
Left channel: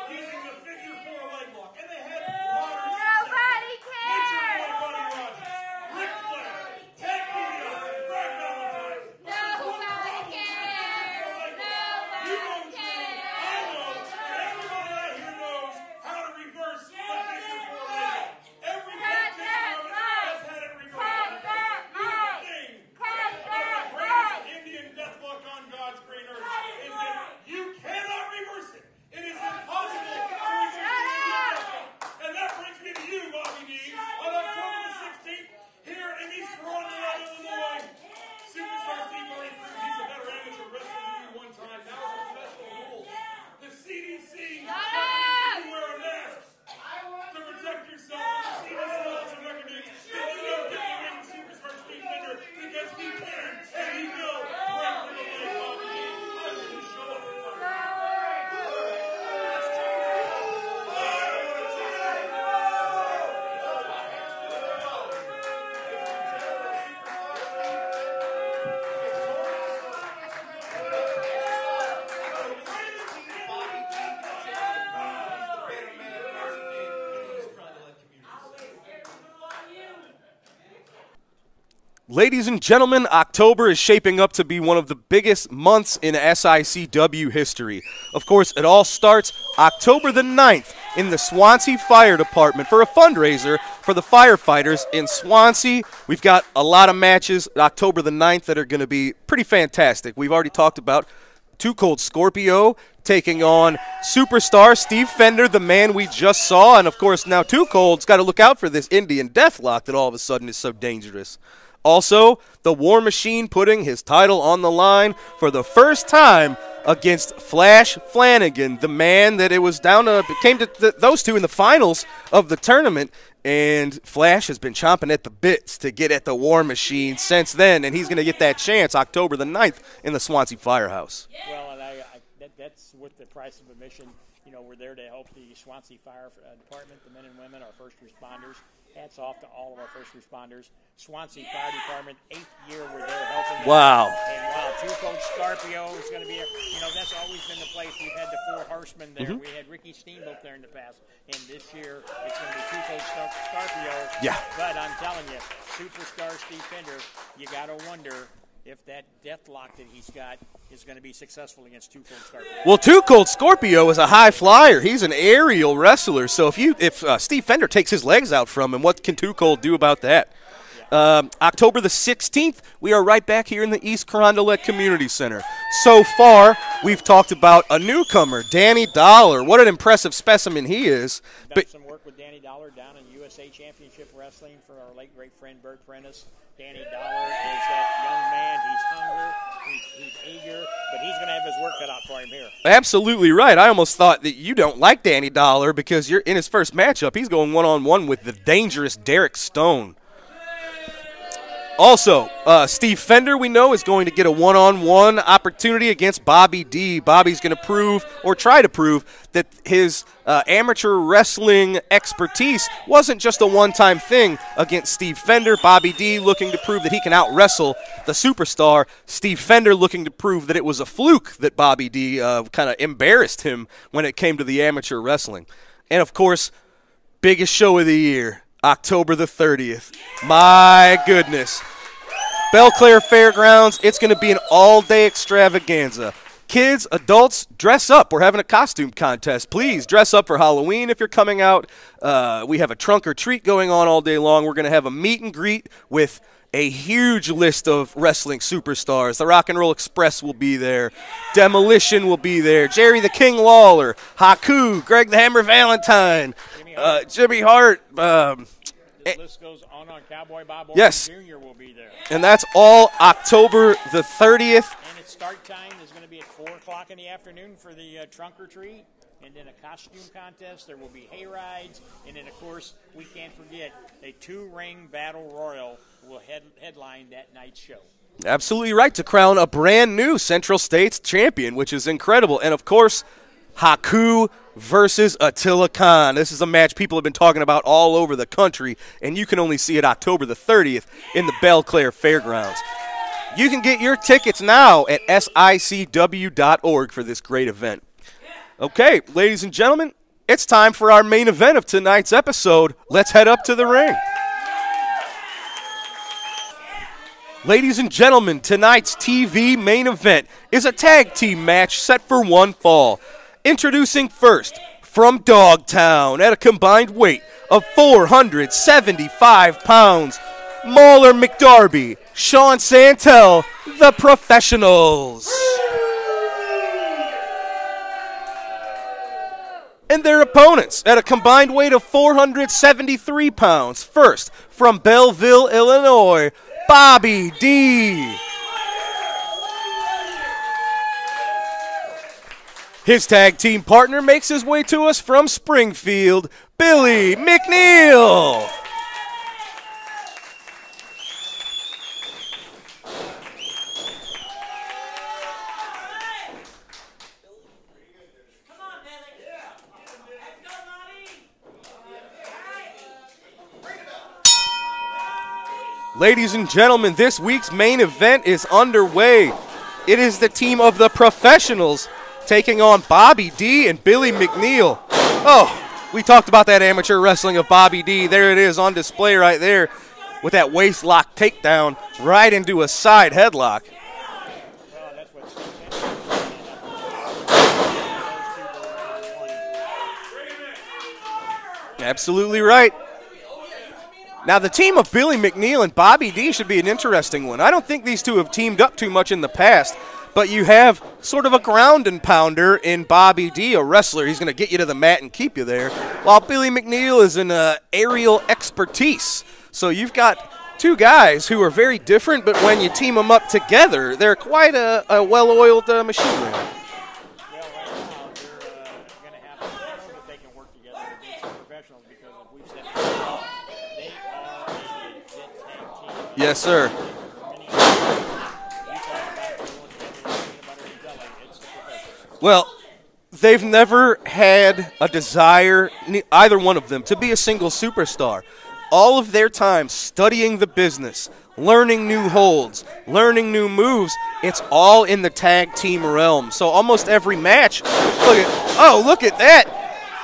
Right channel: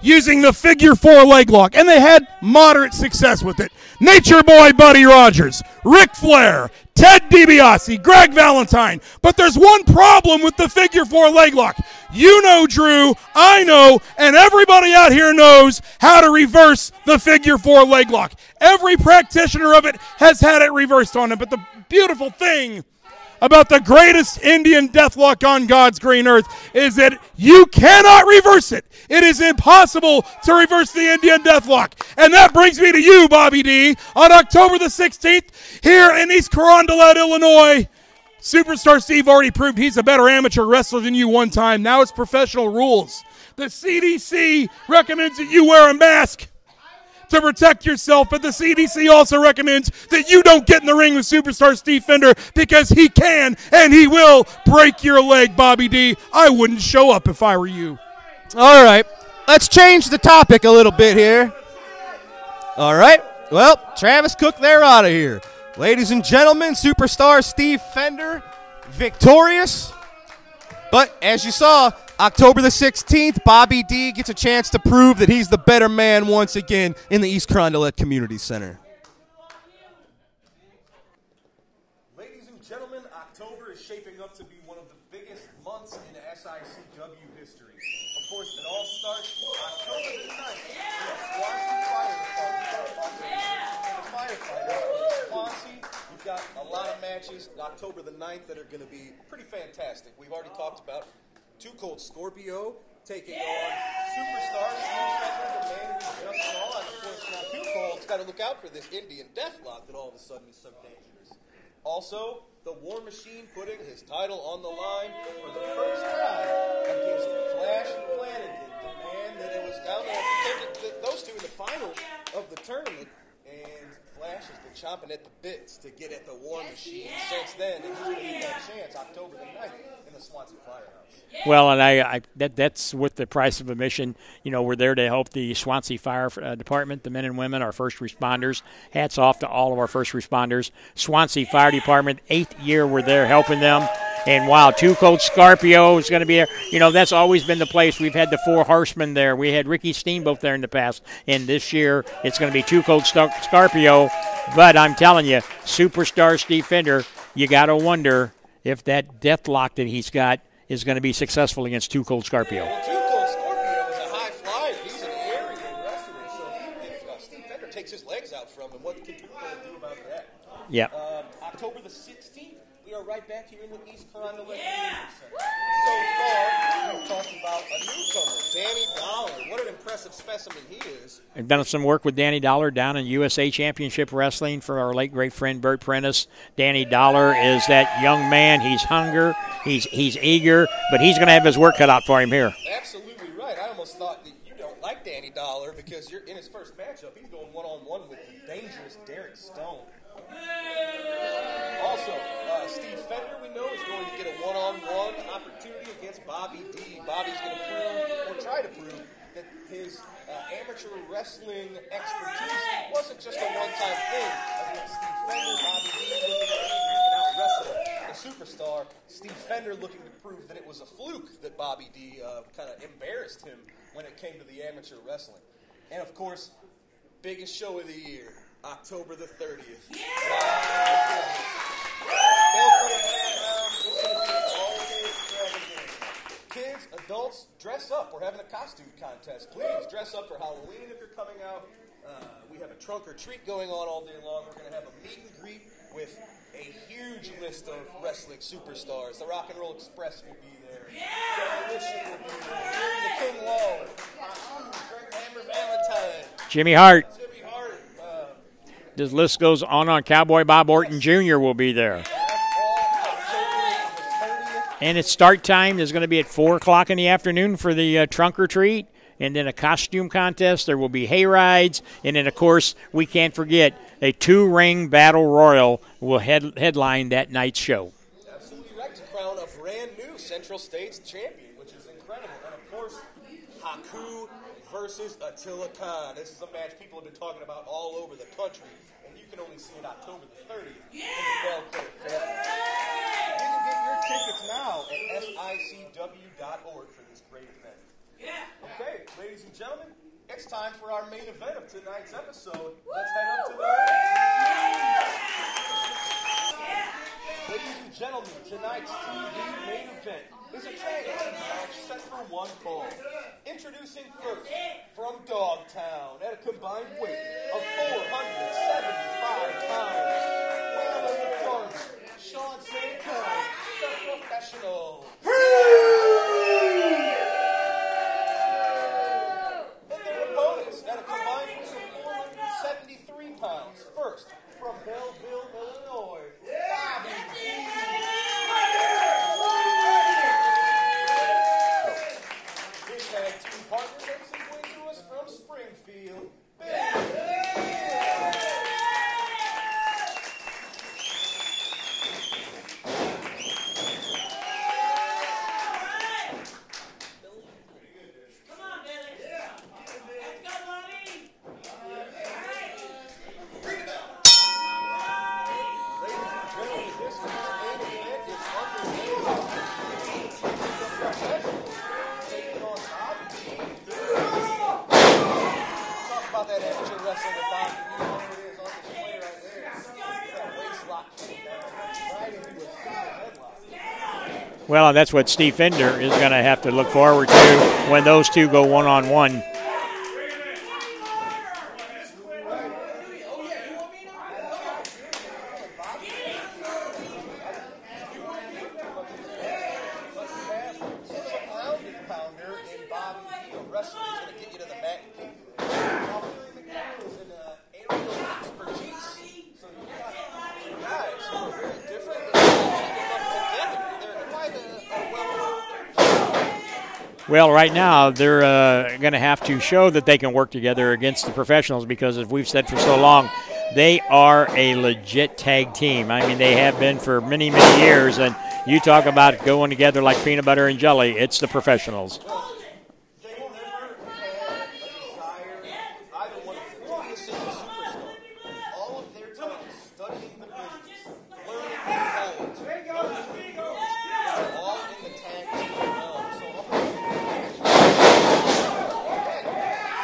using the figure 4 leg lock, and they had moderate success with it. Nature Boy Buddy Rogers, Ric Flair, Ted DiBiase, Greg Valentine. But there's one problem with the figure 4 leg lock. You know, Drew, I know, and everybody out here knows how to reverse the figure 4 leg lock. Every practitioner of it has had it reversed on them. But the beautiful thing about the greatest Indian Deathlock on God's green earth is that you cannot reverse it. It is impossible to reverse the Indian Deathlock. And that brings me to you, Bobby D. On October the 16th, here in East Carondelet, Illinois, Superstar Steve already proved he's a better amateur wrestler than you one time. Now it's professional rules. The CDC recommends that you wear a mask to protect yourself, but the CDC also recommends that you don't get in the ring with Superstar Steve Fender because he can and he will break your leg, Bobby D. I wouldn't show up if I were you. All right, let's change the topic a little bit here. All right, well, Travis Cook, they're out of here. Ladies and gentlemen, Superstar Steve Fender, victorious. But as you saw, October the 16th, Bobby D gets a chance to prove that he's the better man once again in the East Carondelet Community Center. Ladies and gentlemen, October is shaping up to be one of the biggest months in SICW history. Of course, it all starts October the 9th in the Swansea Fire Department for a fundraiser for the firefighters in Swansea. We've got a lot of matches October the 9th that are going to be pretty fantastic. We've already talked about Too Cold Scorpio taking on Superstar Steve Fender, the man we just saw. And, of course, now Too Cold's got to look out for this Indian Deathlock that all of a sudden is so dangerous. Also, the War Machine putting his title on the line for the first time against Flash Flanagan, the man that it was down to, came to those two in the finals of the tournament. And Flash has been chomping at the bits to get at the War Machine since then, and he's going to get that chance October the 9th in the Swansea Firehouse. Well, and that's with the price of admission. You know, we're there to help the Swansea Fire Department, the men and women, our first responders. Hats off to all of our first responders. Swansea Fire Department, 8th year we're there helping them. Wow. And wow, Too Cold Scorpio is going to be there. You know, that's always been the place. We've had the Four Horsemen there. We had Ricky Steamboat there in the past. And this year it's going to be Too Cold Scorpio. Yeah. But I'm telling you, Superstar Steve Fender, you got to wonder if that deathlock that he's got is going to be successful against Too Cold Scorpio. Well, Too Cold Scorpio is a high flyer. He's an aerial wrestler. So if Steve Fender takes his legs out from him, what can Too Cold do about that? Yeah. October the 16th, we are right back here in the East Carondelet Community Center. So far, we've talked about a newcomer, Danny Dollar. What an impressive specimen he is. I've done some work with Danny Dollar down in USA Championship Wrestling for our late great friend Bert Prentice. Danny Dollar is that young man. He's hungry. He's eager, but he's going to have his work cut out for him here. Absolutely right. I almost thought that you don't like Danny Dollar because you're in his first matchup. He's going one-on-one with the dangerous Derek Stone. Also, Steve Fender, we know, is going to get a one-on-one opportunity against Bobby D. Bobby's going to prove, or try to prove, that his amateur wrestling expertise wasn't just a one-time thing against Steve Fender. Bobby D looking to prove that he can out-wrestle the superstar. Steve Fender looking to prove that it was a fluke that Bobby D kind of embarrassed him when it came to the amateur wrestling. And, of course, biggest show of the year, October the 30th. My goodness. Belle Claire Fairgrounds, it's going to be an all-day extravaganza. Kids, adults, dress up. We're having a costume contest. Please dress up for Halloween if you're coming out. We have a trunk or treat going on all day long. We're going to have a meet and greet with a huge list of wrestling superstars. The Rock and Roll Express will be there. Demolition will be there. Jerry the King Lawler, Haku, Greg the Hammer Valentine, Jimmy Hart. Jimmy Hart. This list goes on. Cowboy Bob Orton Jr. will be there. And that's all October the 30th. And its start time is going to be at 4 o'clock in the afternoon for the trunk or treat. And then a costume contest. There will be hay rides. And then, of course, we can't forget a 2-ring battle royal will headline that night's show. Absolutely right, to crown a brand new Central States champion, which is incredible. And, of course, Haku versus Attila Khan. This is a match people have been talking about all over the country, and you can only see it October the 30th in the Belle Claire Fairgrounds. You can get your tickets now at SICW.org for this great event. Okay, ladies and gentlemen, it's time for our main event of tonight's episode. Let's head up to the ring. Ladies and gentlemen, tonight's TV main event is a tag team match set for one fall. Introducing first, from Dogtown at a combined weight of 475 pounds, Mauler McDarby, Sean Santel, the Professionals. And their opponents at a combined weight of 473 pounds. First, from Belleville, Illinois, Bobby D. His tag team partner makes his way to us from Springfield, Billy McNeil. Ladies and gentlemen, this week's main event is underway. It is the team of the Professionals taking on Bobby D and Billy McNeil. Oh, we talked about that amateur wrestling of Bobby D. There it is on display right there with that waist lock takedown right into a side headlock. Well, that's what Steve Fender is going to have to look forward to when those two go one-on-one. Absolutely right. Now, the team of Billy McNeil and Bobby D should be an interesting one. I don't think these two have teamed up too much in the past, but you have sort of a ground and pounder in Bobby D, a wrestler. He's going to get you to the mat and keep you there, while Billy McNeil is an aerial expertise. So you've got two guys who are very different, but when you team them up together, they're quite a well-oiled machine. Well, right now, they're going to have to show that they can work together against the Professionals because, as we've said for so long, they are a legit tag team. I mean, they have been for many, many years. And you talk about going together like peanut butter and jelly. It's the Professionals. Well, they've never had a desire, either one of them, to be a single superstar. All of their time studying the business, learning new holds, learning new moves, it's all in the tag team realm. So almost every match, look at that.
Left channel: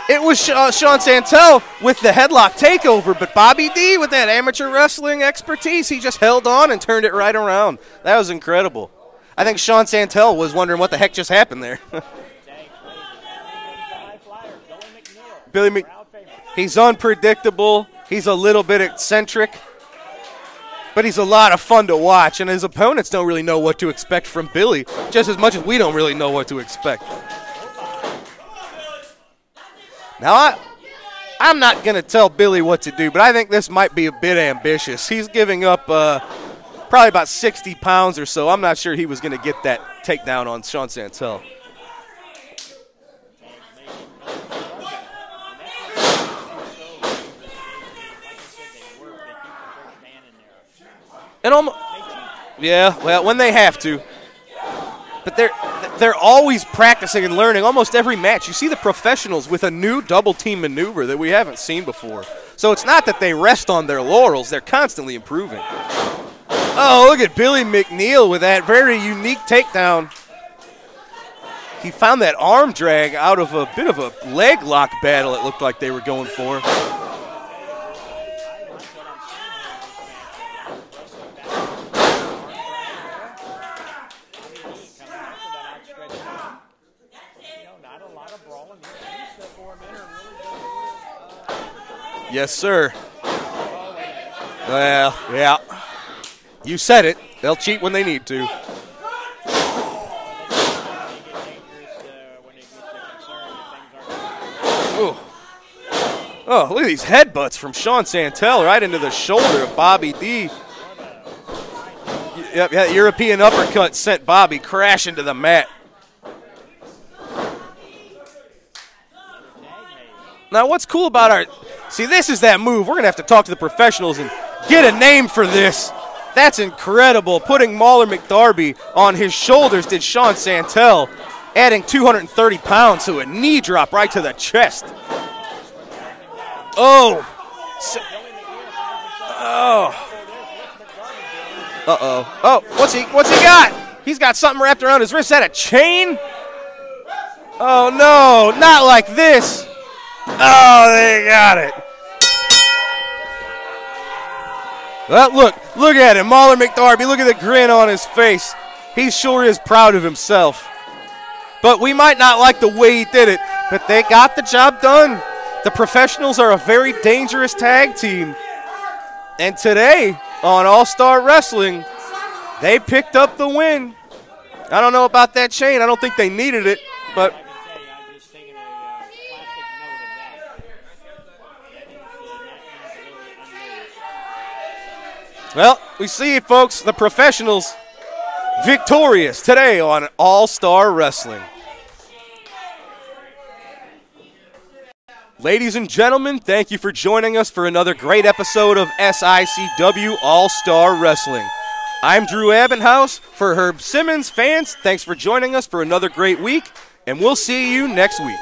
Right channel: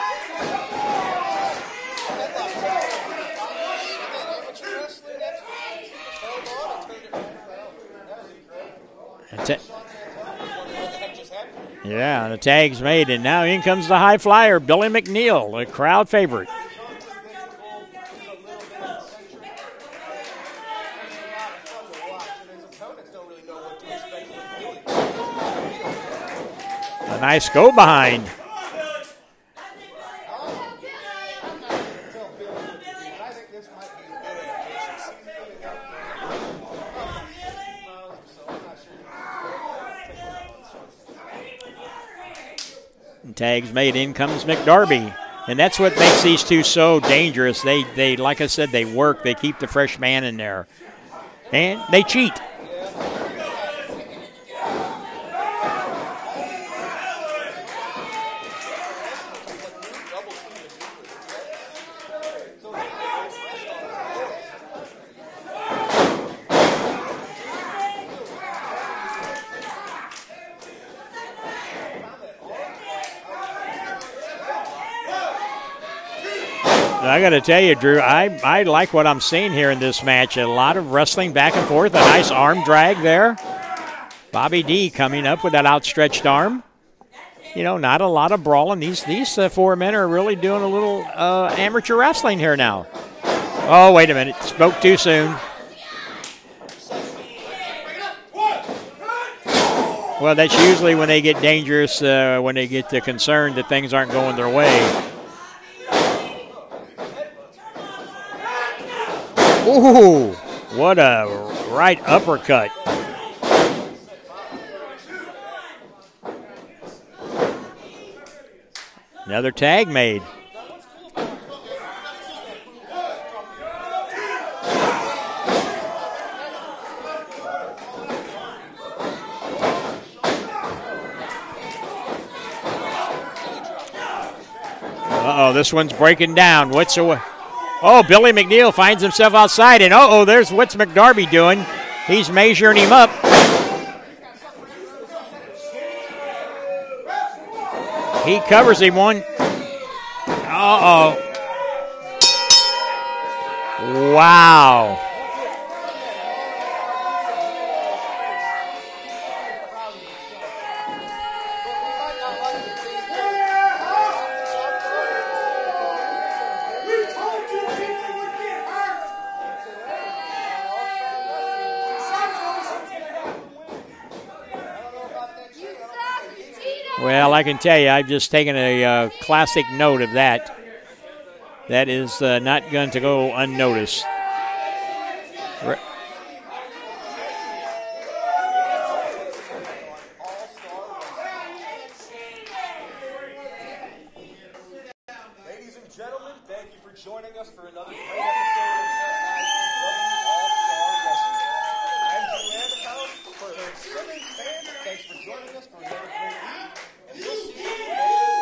It was Sean Santel with the headlock takeover, but Bobby D with that amateur wrestling expertise, he just held on and turned it right around. That was incredible. I think Sean Santel was wondering what the heck just happened there. Yeah, the tag's made, and now in comes the high flyer, Billy McNeil, the crowd favorite. He's unpredictable. He's a little bit eccentric, but he's a lot of fun to watch, and his opponents don't really know what to expect from Billy, just as much as we don't really know what to expect. A nice go behind. Now, I'm not going to tell Billy what to do, but I think this might be a bit ambitious. He's giving up probably about 60 pounds or so. I'm not sure he was going to get that takedown on Sean Santel. Tags made, in comes McDarby. And that's what makes these two so dangerous. They like I said, they work. They keep the fresh man in there. And they cheat. Yeah, well, when they have to. But they're always practicing and learning almost every match. You see the Professionals with a new double-team maneuver that we haven't seen before. So it's not that they rest on their laurels. They're constantly improving. Oh, look at Billy McNeil with that very unique takedown. He found that arm drag out of a bit of a leg lock battle it looked like they were going for. I got to tell you, Drew, I like what I'm seeing here in this match. A lot of wrestling back and forth, a nice arm drag there. Bobby D coming up with that outstretched arm. You know, not a lot of brawling. These four men are really doing a little amateur wrestling here now. Sir. Oh, wait a minute. Spoke too soon. Yeah. You said it. They'll cheat when they need to. Well, that's usually when they get dangerous, when they get concerned that things aren't going their way. Ooh. Oh, look at these headbutts from Sean Santel right into the shoulder of Bobby D. What a right uppercut. Yep, that European uppercut sent Bobby crashing to the mat. Another tag made. Now, what's cool about our – see, this is that move. We're going to have to talk to the professionals and get a name for this. That's incredible. Putting Mauler McDarby on his shoulders did Sean Santel, adding 230 pounds to a knee drop right to the chest. Uh-oh, this one's breaking down. Oh, Billy McNeil finds himself outside, and there's what's McDarby doing. He's measuring him up. What's he got? He's got something wrapped around his wrist. Is that a chain? Oh, no, not like this. Oh, they got it. Wow. Well, look at him. Mauler McDarby, look at the grin on his face. He sure is proud of himself. But we might not like the way he did it, but they got the job done. The professionals are a very dangerous tag team. And today, on All-Star Wrestling, they picked up the win. I don't know about that chain. I don't think they needed it. Well, I can tell you, I've just taken a classic note of that. That is not going to go unnoticed. Well, we see, folks, the professionals victorious today on All-Star Wrestling. Ladies and gentlemen, thank you for joining us for another great episode of SICW All-Star Wrestling. I'm Drew Abbenhouse. For Herb Simmons fans, thanks for joining us for another great week, and we'll see you next week.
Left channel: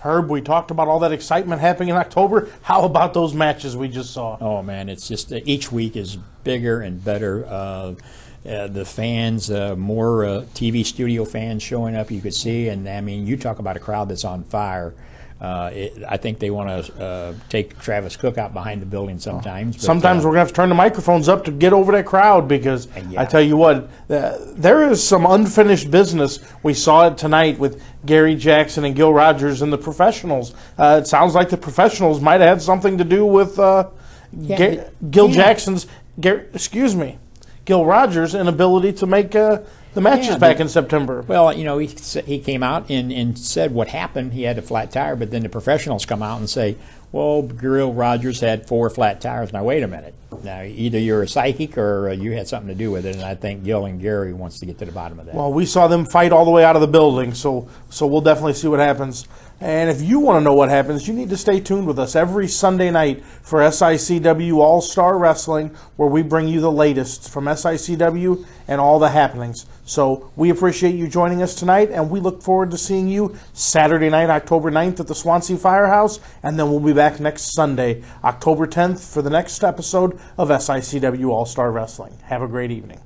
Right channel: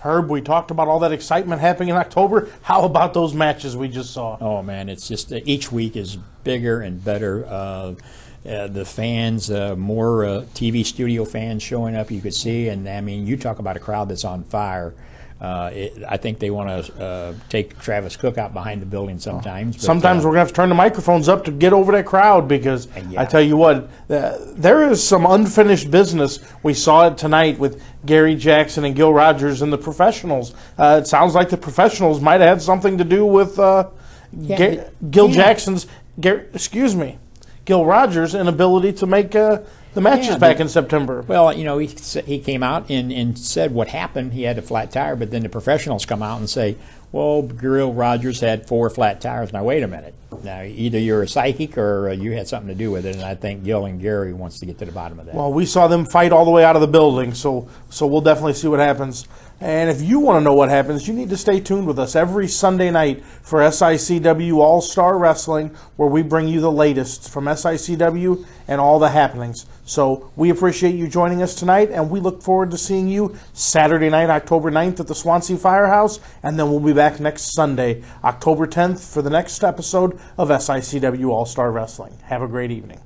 Herb, we talked about all that excitement happening in October. How about those matches we just saw? Oh, man, it's just each week is bigger and better. The fans, more TV studio fans showing up, you could see. And, I mean, you talk about a crowd that's on fire. I think they want to take Travis Cook out behind the building sometimes. Sometimes we're going to have to turn the microphones up to get over that crowd because I tell you what, there is some unfinished business. We saw it tonight with Gary Jackson and Gil Rogers and the professionals. It sounds like the professionals might have had something to do with Gil Rogers' inability to make the matches back in September. Well, you know, he came out and said what happened. He had a flat tire, but then the professionals come out and say, well, Gil Rogers had 4 flat tires. Now, wait a minute. Now, either you're a psychic or you had something to do with it, and I think Gil and Gary wants to get to the bottom of that. Well, we saw them fight all the way out of the building, so we'll definitely see what happens. And if you want to know what happens, you need to stay tuned with us every Sunday night for SICW All-Star Wrestling, where we bring you the latest from SICW and all the happenings. So we appreciate you joining us tonight, and we look forward to seeing you Saturday night, October 9th at the Swansea Firehouse, and then we'll be back next Sunday, October 10th, for the next episode of SICW All-Star Wrestling. Have a great evening.